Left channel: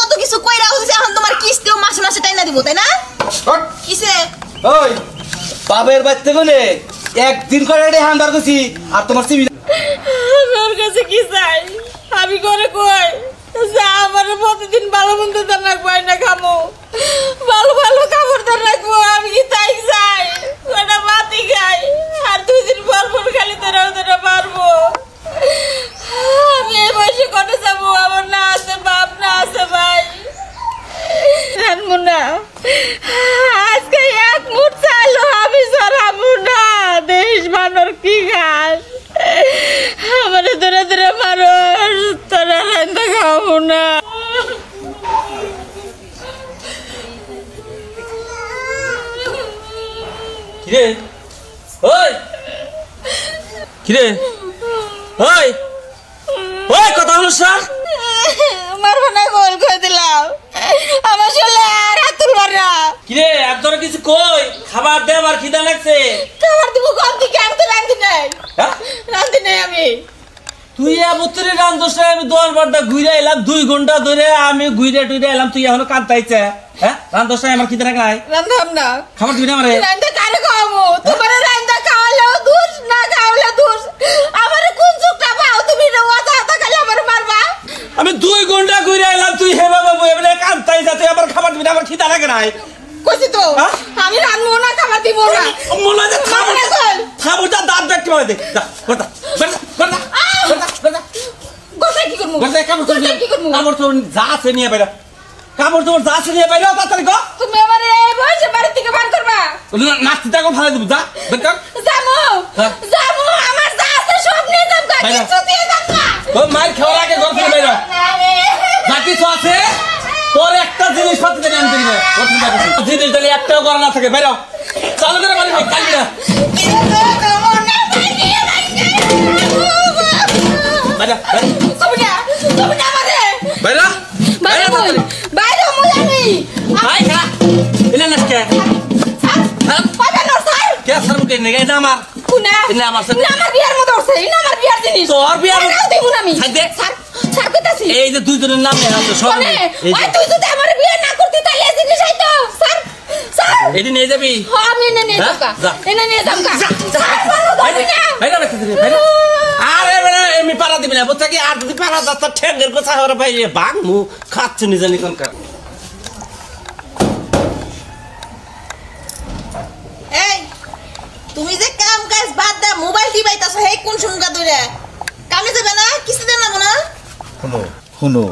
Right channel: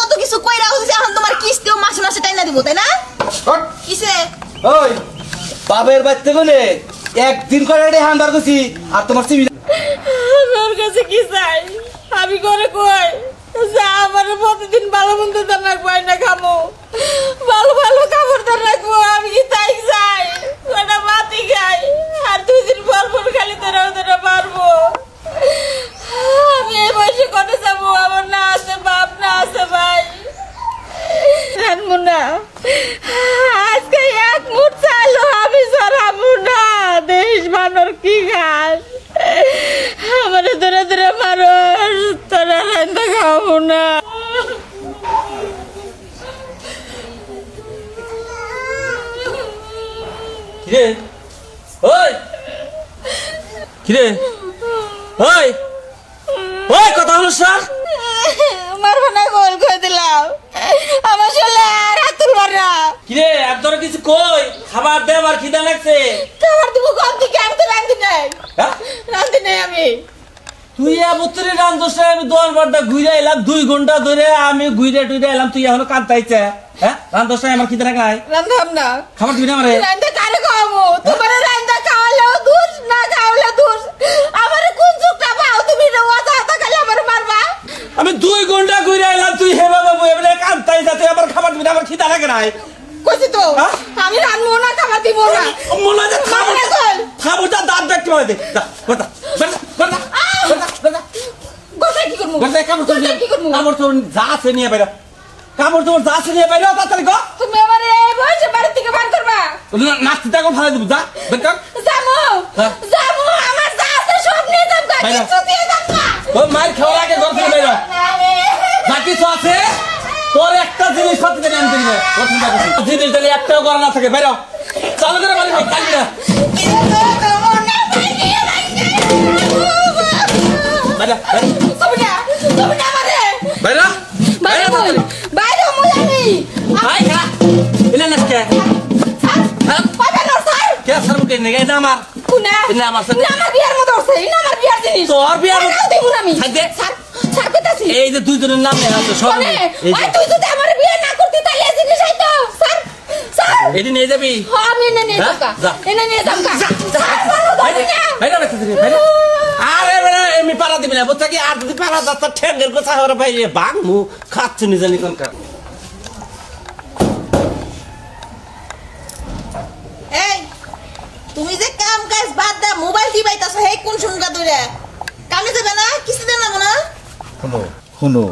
কত কিছু কইরা হইছে এখন তোমার কিস্তিও মাসে মাসে টাইনা দিব তাই না কিসে ওই বাবের বাড়িতে গেলে একদিন করে রে হান্দার কইছি আর তোমার সিবি আমার কাছে কি চাই আমি করে কই যা আমার প্রতিদিন ভালো মন্দ দানা কই না খামো ভালো ভালো খাবার দানা রাখবো আমি কি তাই চাই ওটা মাটি খাই আর দুই দিন পর পর খালি তোরা পারবো আমি এই বয়সে কোনে যাবো আমার না আছে বাপ না আছে ভাই জানবো না আজকে এক মুঠ চাইলো আমি সরাবো না দেশ মানর কি ঘাস আমার ধরে ধরে মারো তোরা রান্না খাবো না কিরে ওই কিরে ওই ওই কথা হলো স্যার মারবো না গোল করে দিলাম আমার শরীরে আর হাত তুলবার না কিরে একদম কিছু কই খাবার দে আমার খিদা লাগছে খাবার দিব কম দিকে আমি তো রান্ধি নাই রান্ধি নাই আমি তুই এবছরে রান্ধছ আমি 10 বার ঘুরে এলাম 2 ঘন্টা ধরে আমি ঘুরে টুইরে এলাম তুই এখনো কাঁদতাইছে হ্যাঁ রান্ধছ আমার খিদা নাই রান্ধাম না খাবার দিবি না আমারে রান্ধা কারে খাওয়াবো তোমার রান্ধা খাওয়ালেও দোষ না খাওয়ালে দোষ আমারে কোন চোখটা পাও তুমি ওয়াদা হাতা খালি আমার মারবা আমি 2 ঘন্টা ঘুরে এলাম তুই হে বাবা এবারে কাঁদতাইছে তুই আমার খাবার দিবি না আমার খিদা লাগে নাই কইছি তো আমি রান্নবো না খাবার দিব না মনে হয় খাবারটা দাঁত দেখতে পারে দে যা করতা করতা গোসাই কি করব গোসাই কি করব কাপড় তো যা আছে নিয়ে বাইরে কাপড় তো যা আছে নিয়ে বাইরে তাড়াতাড়ি গো তুমি আমারে এই বয়সে বাড়ি থেকে বার করবা নাস্তিটা কো ভালো দিব যা বেকার জামু জামু আমার যা আছে সব নিয়ে যাব কিছু দিয়ে যাব না ও মার খাওয়ার আগে ঘর থেকে বাইরে বাকি তো আছে তোর একটা জিনিস পাতে দেন আনতে দিবে প্রথম কথা জিনিস দিলে একটাও করা না থাকে বাইরে চালু করে বাড়ি কাল না বাইরে তুমি আমারে বাইরে বাইরে বাইরে মুলানি আই খা ইলে নাস্কে পাবে না স্যার কে স্যার মুকে নেগে না আমার কোনা ইনা আমার না আমার বিয়ার মত হচ্ছে ইনা আমার বিয়ার জিনিস তোর বিয়ার দেব না আমি ছাড় দে স্যার স্যার কইতাছি এই যে দুইজনের নাম লেখা আছে সব এই ওই তুই যদি আমার বিয়ে না করতি তাহলে এই জিনিস আইতো স্যার স্যার এডি নিয়ে যাবি আমি এনে নিয়ে যাবো এনে নিয়ে যাবো স্যার বাইরে বাইরে বাইরে আরে বেটা এমনি পারা দিবি না বুঝছ কি আর যদি পারা যাচ্ছে ঠ্যাঙ্গের গোছা হরে ভাই বাং মু খাচ্ছে নিজে নিকনকার এই তুমি যে কাম কাজ বাদ দা মোবাইল টিপাইতাছ হে কোন সুনগা ধরে কামে যাবে না কিস্তি দেন না না শুনো শুনো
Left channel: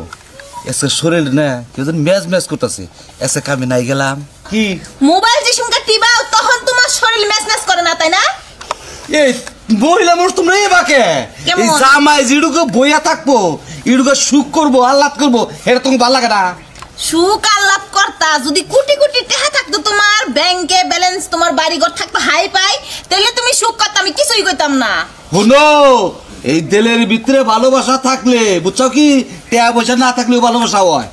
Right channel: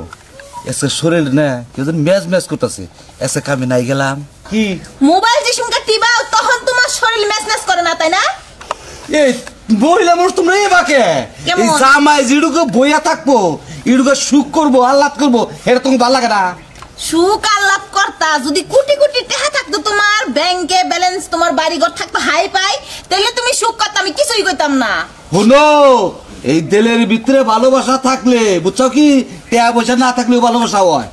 এসে শরীর না কেউ যেন ম্যাচ ম্যাচ করতেছে এসে কামে নাই গেলাম কি মোবাইল যে সুনগা টিপাও তখন তোমার শরীর ম্যাচ ম্যাচ করে না তাই না এই মহিলা মানুষ তোমরা এই বাকে এই জামাই জিডুকে বইয়া থাকবো ইডুকে সুখ করবো আহ্লাদ করবো এটা তোমাকে ভালো লাগে না সুখ আহ্লাদ করতা যদি কোটি কোটি টাকা থাকতো তোমার ব্যাংকে ব্যালেন্স তোমার বাড়ি ঘর থাকতো হাই পাই তাহলে তুমি সুখ করতে আমি কিছুই কইতাম না শুনো এই দিলের ভিতরে ভালোবাসা থাকলে বুঝছো কি টাকা পয়সা না থাকলেও ভালোবাসা হয়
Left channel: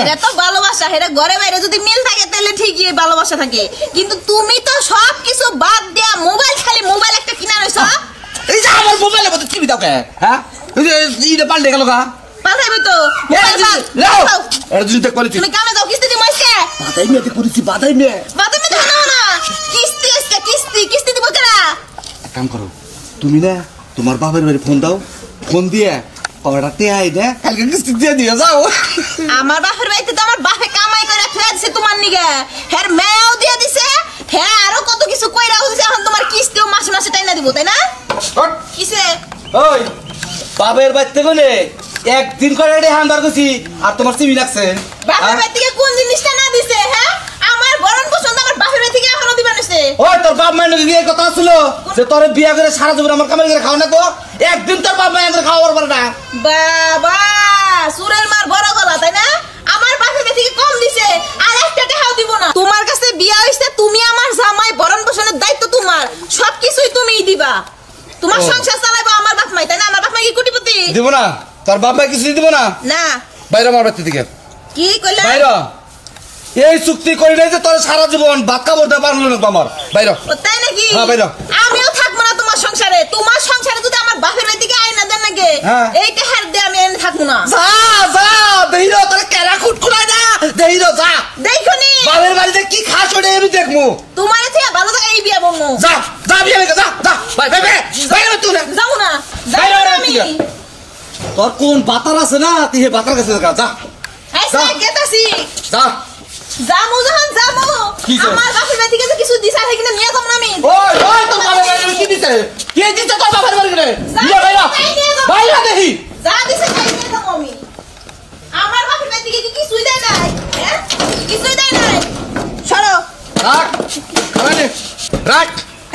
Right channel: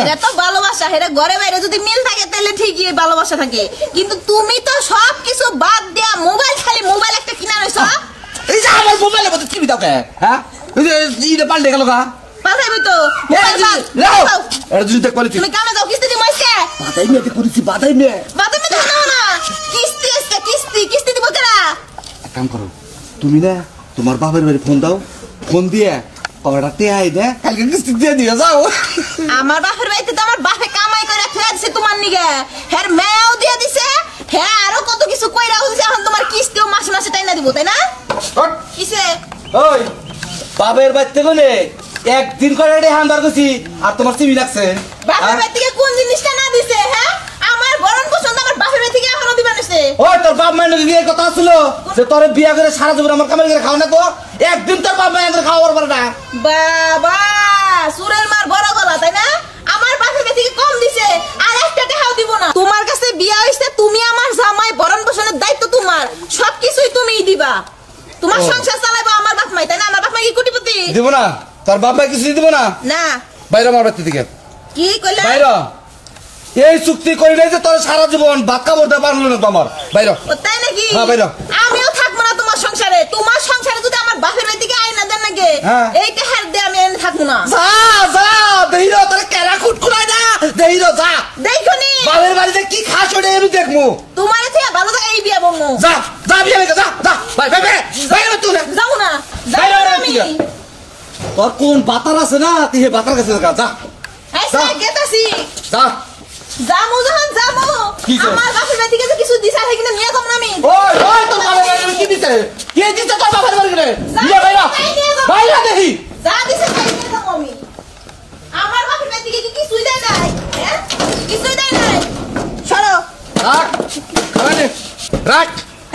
এটা তো ভালোবাসা এটা ঘরে বাইরে যদি মিল থাকে তাহলে ঠিকই ভালোবাসা থাকে কিন্তু তুমি তো সব কিছু বাদ দেয়া মোবাইল খালি মোবাইল একটা কিনা রইছ এই যে আমার মোবাইলের মধ্যে টিভি দাও কে হ্যাঁ এই যে ইটা পাল্টে গেল কা পাঠাইবি তো মোবাইল নাও এটা যদি দেখ কোয়ালিটি তুমি কামে যাও কিস্তি দিমু আজকে বাদাই মে করেছি বাদাই মে দাও না কিস্তি আজকে কিস্তি দিব কেরা এক কাম করো তুমি না তোমার বাবার বাড়ি ফোন দাও ফোন দিয়ে কয়টা টেহাই দে কালকে কিস্তি দিয়ে দিয়ে যাও আমার বাপের বাড়িতে তো আমার বাপে কামাই করে থুয়া দিছে তোমার নিগে হের মেয়েও দিয়ে দিছে হে আরো কত কিছু কইরা হইছে এখন তোমার কিস্তিও মাসে মাসে টাইনা দিব তাই না কিসে ওই বাবার বাড়িতে গেলে একদিন করে রে হান্দার কইছি আর তোমার সিবি লাগছে বাপের বাড়ি থেকে কোন জিনিসটা না দিছে হ্যাঁ আমার বরণ পছন্দ আমার বাপের বাড়ি থেকে এখনো দিবা নাছে ওই তোর বাপ মায়ের নাকি এই কথা ছিল যে তোর বিয়া করে সারা জীবন আমার কামাই করে খাও না গো একদিন তোর বাপ মায়ের খাওয়ার পারে না বাবা সুরের মার বড় গলা তাই না আমার বাপের বাড়ি থেকে কম দিছে আর একটা টাকাও দিব না তোমার কাছে বিয়া হইছে তুমি আমার জামাই বরণ পোষণের দায়িত্ব তোমার সবকিছুই তুমিই দিবা তোমার সংসার চালাইবা আমার বাপ মাই তাই না আমার বাপ মাই কি কোটিপতি দিব না তোর বাপ মাই কিছু দিব না না বাইরে আমার বাড়ি থেকে কি কইলা বাইরে এই চুক্তি করি নাই যে তোর সারা জীবন ভাত খাবো পারলো না আমার বাইরে তাই নাকি হ্যাঁ বাইরে আমিও থাকবো না তোমার সংসারে যদি আমার বাপের বাড়ি থেকে আইনা দেন নাকি এইটা হার দে আমি এনে থাকবো না যা যা দেই তোর কেরা যা বিয়ে লেগে যা যা ভাই ভাই ভাই ভাই তুই যাও না বাইরে যাও না বাইরে আমি তুই। তোর কোন বাতার আছে না তুই হে বাতার কাছে যা যা এই সাই গেতাছি যা জামু যখন জামু কি কর? আমার বাপের বাড়ি থেকে কিছু দিছ আর কিনা নিয়ে যাম না আমি ওই ওই তোর বাবার বাড়ি কি দিছে কে দিছে তোর বাবার বাড়ি রে ইয়া বাইরা বাইরা দেখি যা দিছে তাই নিয়ে যাম আমি আমার বাপের বাড়ি থেকে কিছুই দেয় নাই হ্যাঁ কিছুই দেয় নাই সরো রাখ খারানে রাখ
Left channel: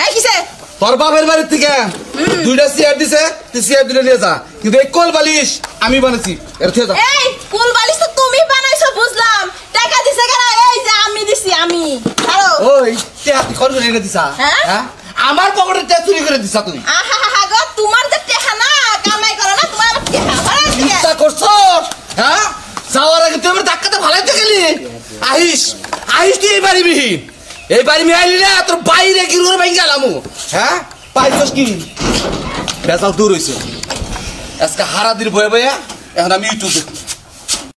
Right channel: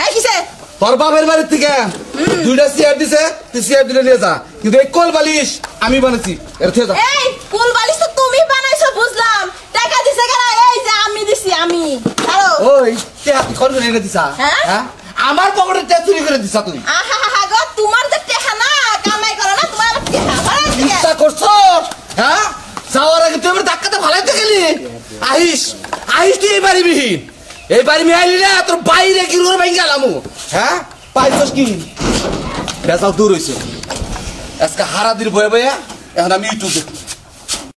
এই কিসে তোর বাবার বাড়ি থেকে দুইটা চেয়ার দিছে তুই চেয়ার দিলে নিয়ে যা কিন্তু এই কোল বালিশ আমি বানাইছি এর থেকে যা এই কুল বালিশ তো তুমি বানাইছো বুঝলাম টাকা দিছে কেন এই যে আমি দিছি আমি ছাড়ো ওই তে হাত কোন করে এনে দিছা হ্যাঁ? হ্যাঁ আমার পকেটে তে চুরি করে দিছা তুই আহা হা হা গো তোমার যে টেহা না কামাই করো না তোমার আবার টেহা ভাড়া দিয়ে চিন্তা করছো হ্যাঁ যাওয়ার আগে তুই আমার ধাক্কাতে ভালাইতে গেলি আহিস আহিস তুই এই বাড়ি বিহীন এই বাড়ি আমি আইলি না তোর বাইরে কি রুর ভাই গেলাম হ্যাঁ পাইছস কি বেজাল দূর হইছে আজকে হারা দিন বয়ে বয়ে এখন আমি ইউটিউব